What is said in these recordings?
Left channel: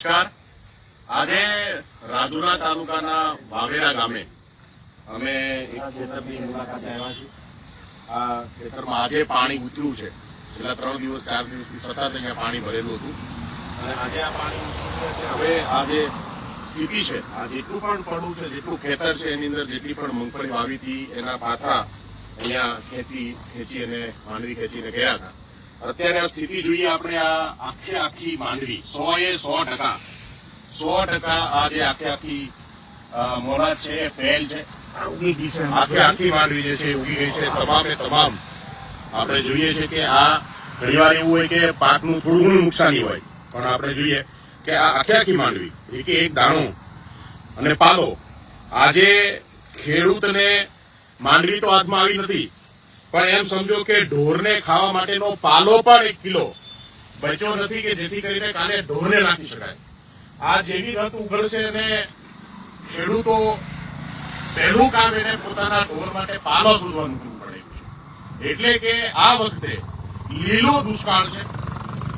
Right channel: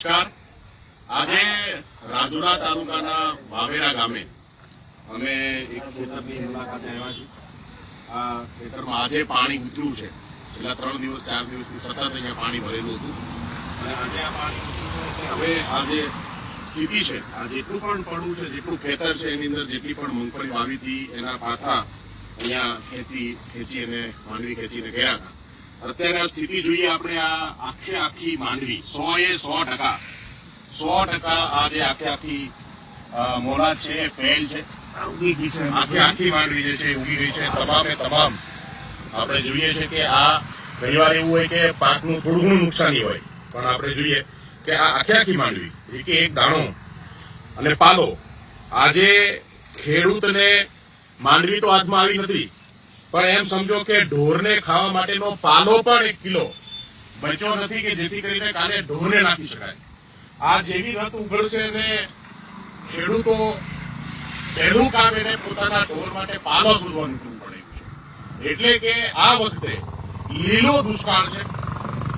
નમસ્કાર. આજે રાજુલા તાલુકાના વાવેરા ગામે અમે એક ખેતરની મુલાકાતે આવ્યા છીએ. આ ખેતરમાં આજે પાણી ઉતર્યું છે. છેલ્લા ત્રણ દિવસ, ચાર દિવસથી સતત અહીંયા પાણી ભરેલું હતું. અને આજે આ પાણી હવે આ જે સ્થિતિ છે, આ જેટલું પણ પડવું છે, જેટલું ખેતર છે એની અંદર, જેટલી પણ મૂંગફળી વાવી હતી, એના પાથરા અહીંયા ખેંચી ખેંચી અને માંડવી ખેંચીને ગયા હતા. અત્યારે આ સ્થિતિ જોઈએ આપણે આ આખે આખી માંડવી. સો એ સો ટકા. સો ટકા આ જે આખે આખી મોડા મોલા છે ફેલ છે. આખે આખી માંડવી જે છે ઉગી ગઈ છે. તમામે તમામ આપણે જોઈએ છે કે આ ઘણીવાર એવું હોય કે પાકનું થોડું ઘણું નુકસાની હોય. પણ આપણે જોઈએ કે આ આખે આખી માંડવી એક એક દાણો અને પાલો આજે ખેડૂતને માંડવી તો હાથમાં આવી નથી પણ એમ સમજો કે ઢોરને ખાવા માટેનો પાલો પણ એક કિલો બચ્યો નથી કે જેથી કરીને કાલે ઢોરને નાખી શકાય. આ જેવી રથ ઉઘડશે અને ખેડૂતો પહેલું કામ એને પોતાના ઢોર માટે પાલો શોધવાનું કરવું પડે એટલે કે આ વખતે લીલો દુષ્કાળ છે.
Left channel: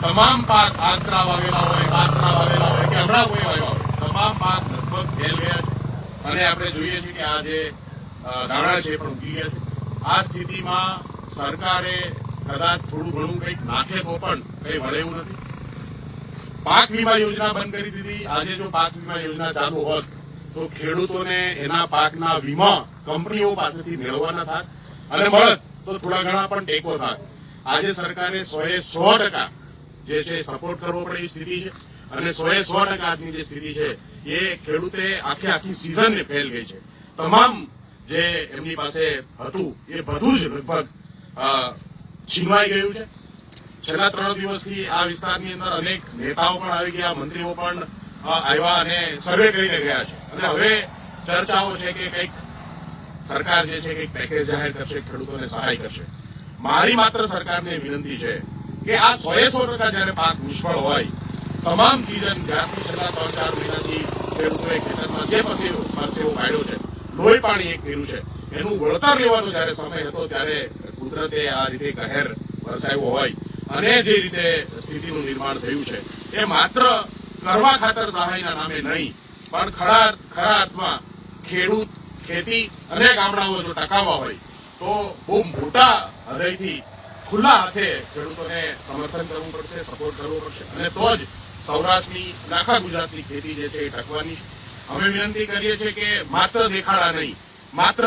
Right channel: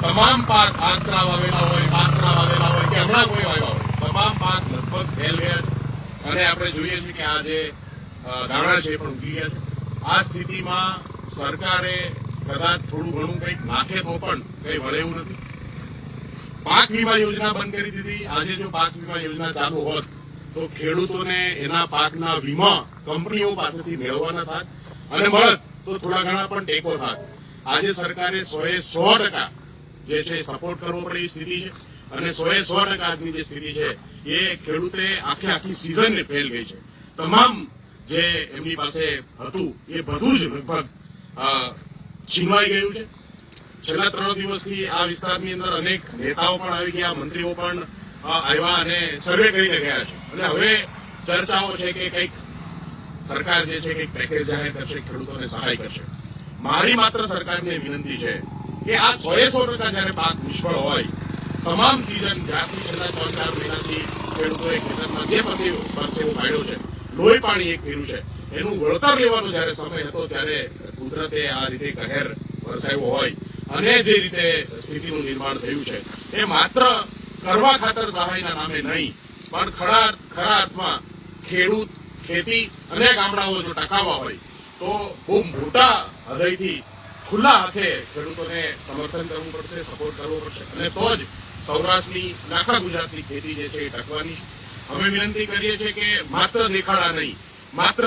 તમામ પાક આંતરા વાવેલા હોય બાસના વાવેલા હોય કે હમણાં કોઈ વાવ્યા હોય, તમામ પાક લગભગ ફેલ ગયા છે. અને આપણે જોઈએ છીએ કે આ જે દાણા છે એ પણ ઉગી ગયા છે. આ સ્થિતિમાં સરકારે કદાચ થોડું ઘણું કંઈક નાખે તો પણ કંઈ વળે એવું નથી. પાક વીમા યોજના બંધ કરી દીધી. આજે જો પાક વીમા યોજના ચાલુ હોત, તો ખેડૂતોને એના પાકના વીમા કંપનીઓ પાસેથી મેળવવાના થાત અને મળત તો થોડા ઘણા પણ ટેકો થાત. આજે સરકારે સોએ સો ટકા જે છે સપોર્ટ કરવો પડે એ સ્થિતિ છે. અને સોએ સો ટકા આજની જે સ્થિતિ છે, એ ખેડૂતે આખે આખી સિઝનને ફેલ ગઈ છે. તમામ જે એમની પાસે હતું, એ બધું જ લગભગ છીનવાઈ ગયું છે. છેલ્લા ત્રણ દિવસથી આ વિસ્તારની અંદર અનેક નેતાઓ પણ આવી ગયા, મંત્રીઓ પણ આવ્યા અને સર્વે કરીને ગયા છે. અને હવે ચર્ચાઓ છે કે કંઈક સરકાર જે છે, કંઈક પેકેજ જાહેર કરશે, ખેડૂતોને સહાય કરશે. મારી માત્ર સરકારને વિનંતી છે કે આ સોએ સો ટકા જયારે પાક નિષ્ફળ હોય, તમામ સિઝન જ્યારથી છેલ્લા ત્રણ ચાર મહિનાથી ખેડૂતોએ ખેતરમાં જે પરસેવો પરસેવો કાઢ્યો છે લોહી પાણી એક કર્યું છે. એનું વળતર લેવાનો જયારે સમય હતો ત્યારે કુદરતે આ રીતે કહેર વરસાવ્યો હોય અને જે રીતે સ્થિતિનું નિર્માણ થયું છે. એ માત્ર કરવા ખાતર સહાયના નામે નહીં, પણ ખરા ખરા અર્થમાં ખેડૂત, ખેતી અને ગામડાઓ જો ટકાવવા હોય, તો બહુ મોટા હૃદયથી ખુલ્લા હાથે ખેડૂતોને સમર્થન કરવું પડશે, સપોર્ટ કરવો પડશે. અને તો જ સૌરાષ્ટ્રની આખા ગુજરાતની ખેતી જે છે એ ટકવાની અમે વિનંતી કરીએ છીએ કે માત્ર દેખાડા નહીં, માત્ર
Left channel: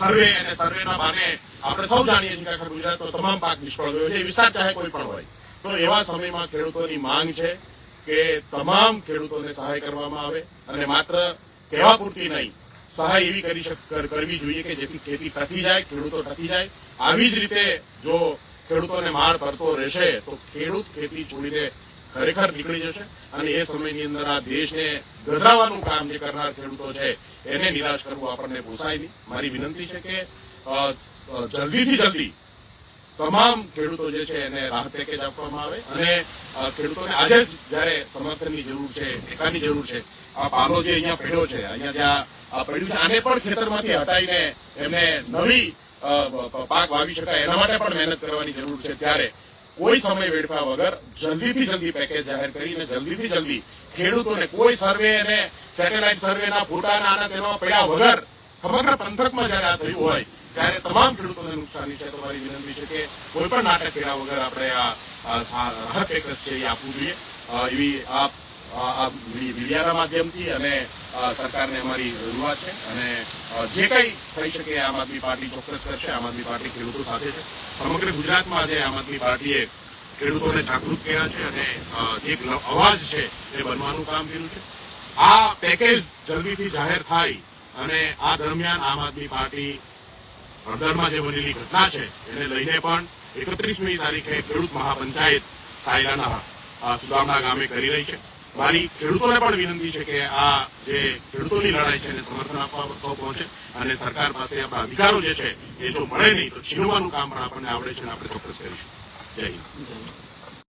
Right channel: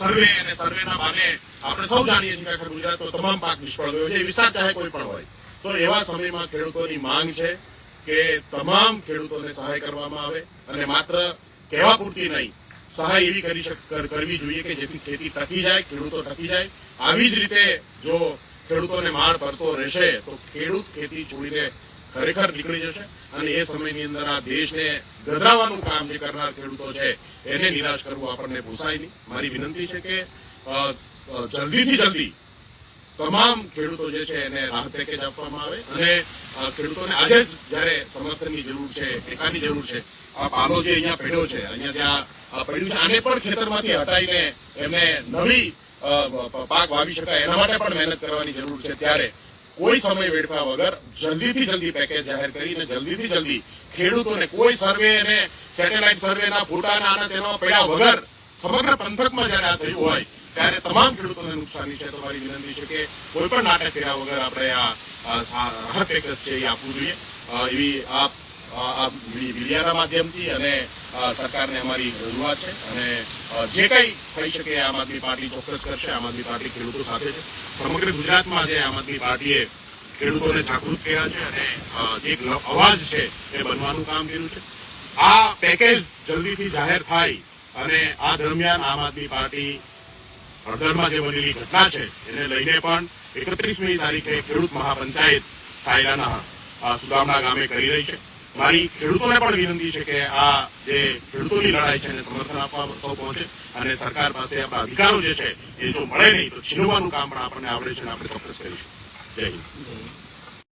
સર્વે અને સર્વેના બાને આપણે સૌ જાણીએ છીએ આખા ગુજરાતનો તમામ પાક નિષ્ફળ ગયો છે વિસ્તાર ચાહે કોઈ પણ હોય. તો એવા સમયમાં ખેડૂતોની માંગ છે કે તમામ ખેડૂતોને સહાય કરવામાં આવે અને માત્ર કહેવા પૂરતી નહીં, સહાય એવી કરી, કરવી જોઈએ કે જેથી ખેતી ટકી જાય, ખેડૂતો ટકી જાય. આવી જ રીતે જો ખેડૂતોને માર પડતો રહેશે, તો ખેડૂત ખેતી છોડીને ખરેખર નીકળી જશે અને એ સમયની અંદર આ દેશને ગધરાવાનું કામ જે કરનાર ખેડૂતો છે, એને નિરાશ કરવું આપણને પોસાય નહીં. મારી વિનંતી છે કે જલ્દીથી જલ્દી તમામ ખેડૂતો જે છે એને રાહત પેકેજ આપવામાં આવે અને ખેડૂતોને આજે જ જયારે સમર્થનની જરૂર છે, ટેકાની જરૂર છે, આ પાલો જે અહીંયા પડ્યો છે, અહીંયા જ્યાં પડ્યું છે, આને પણ ખેતરમાંથી હટાવીને એમને નવી પાક વાવી શકાય, એના માટે પણ મહેનત કરવાની જરૂર છે ત્યારે કોઈ સમય વેડફા વગર જલ્દીથી જલ્દી પેકેજ જાહેર કરીને જલ્દીથી જલ્દી ખેડૂતોને કોઈ સર્વે અને સેટેલાઇટ સર્વેના ફોટાના આના તેના પડ્યા વગર સમગ્ર પંથકમાં જયારે આ થયું હોય, ત્યારે તમામ ખેડૂતોને નુકસાની છે. તો મારી વિનંતી છે કે કોઈ પણ નાટક કર્યા વગર આપણે આ રાહત પેકેજ છે એ આપવું જોઈએ. એવી આ મીડિયાના માધ્યમથી અને સરકારને અમારી રજૂઆત છે. અને જે કંઈ થઈ શકે આમ આદમી પાર્ટી ચોક્કસ કરશે. આમ આદમી પાર્ટી ખેડૂતો સાથે છે. સમગ્ર ગુજરાતમાં આજે આમ આદમી પાર્ટીએ ખેડૂતોને જાગૃત કર્યા છે અને જે અવાજ છે એ બનવાનું કામ કર્યું છે. આ પેકેજ જલ્દીથી જાહેર થાય અને આ દરમિયાન આમ આદમી પાર્ટી હળદરમાં જે બનેલી ઘટના છે, એને લઈને પણ એકત્રીસમી તારીખે ખેડૂત મહાપંચાયત સાયરાના સુદામડા ગામે કરી રહી છે. મારી ખેડૂતોને પણ વિનંતી છે કે આ જે ખેડૂતોની લડાઈ છે એને સમર્થન આપવા સૌ પહોંચે અને સરકાર પાસે આપણા અધિકારો જે છે એ જો મળે નહીં તો છીનવાનું કામ પણ આપણને આવડે છે અને આપણે ચોક્કસ કરીશું. જય હિન્દ.